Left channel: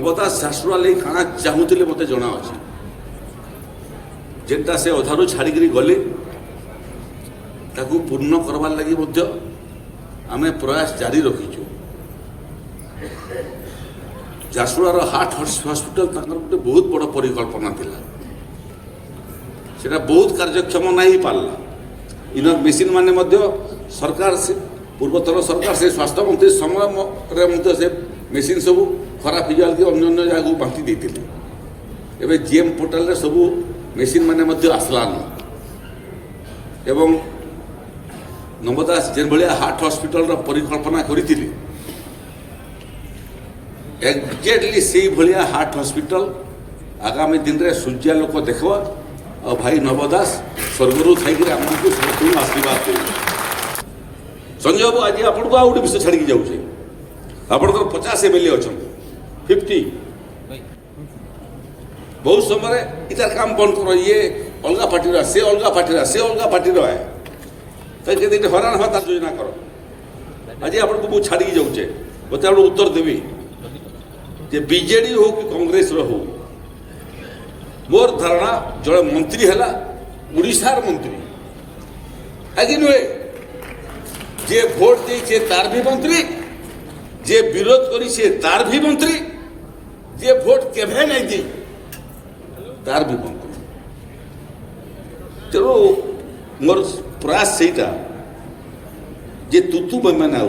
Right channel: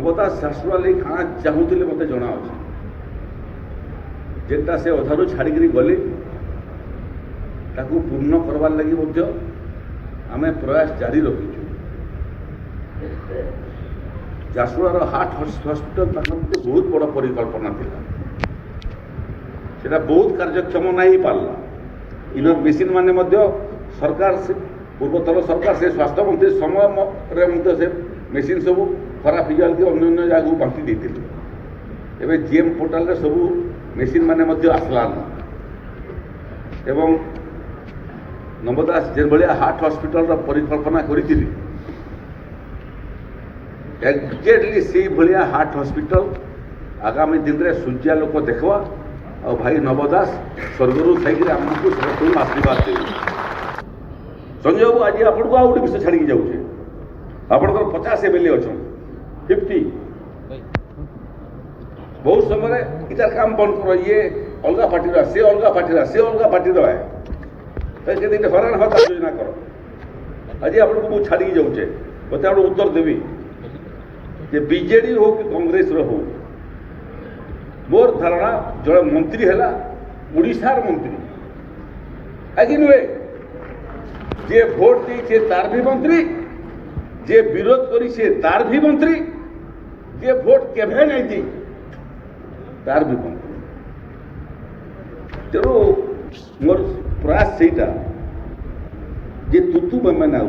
नवदास झारसुगुड़ा लगी काଣା चाहूले मत जना अच्छे जेटा से अधारू छाड़ी गले ताकू पूर्ण करवार लगी आम प्रयास जारी रखीचु। झारसुगुड़ार हार्ट हॉस्पिटल गोटे बहुत बड़ परिकल्पना थिला सेटा बहुत कार्यक्षम नहीं पारला इन मेसीन माने सरकार से पूर्वतर सरकार से स्वास्थ्य मंत्री समय से मेसीन सब खराब हो जाए अन्य जगह बांटी देते एवं जीएम पोर्टाल रे सब मेसीन माने आसलान एवं नवदास जे भाया हार्ट हॉस्पिटल परिकल्पना करी एक्जेक्टली से भाया हार्ट हॉस्पिटल आगामी दिन में सूर्या लोक देखवा और भाई नवदास स्वर्गरू थी आमको समस्त आशीर्वाद दे। संजय बाबू आज आपको आ गए विषय छाड़ी जाऊे आपंकर 50 MLA अच्छा 50 बहुत समय इतार काम बंद कर ये अलग पार्टी से अलग पार्टी से अलग पार्टी है तो जब हरान हवा योजना कर आज आपको मुझे छाड़ी जाऊे मत आप उत्तर देवी जे बीजेडी हो कि कांग्रेस रो हो मोर धारणा जड़े मंत्री है उड़ीसार मंत्री आगे नुहे जे भोट दे तार भी मंत्री जे विरोध करी तार भी मंत्री जे भोट केभे नहीं दी तार भी मंत्री तेणु मोर प्रयास सेटा जे तुतु मैंने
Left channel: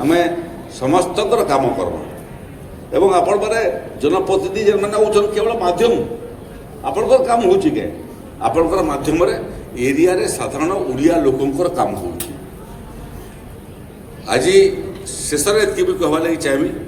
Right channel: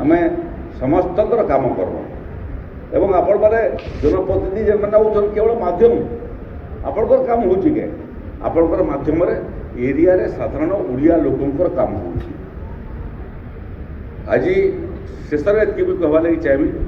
आम समस्त काम करवा एवं आपण माने जनप्रतिनिधि जो मैंने होचन केवल माध्यम आपणकर काम हो आपणकर माध्यम एरिया रे साधारण उड़िया लोकंकर काम हो आज शेष भी कहवा लगी चाहिए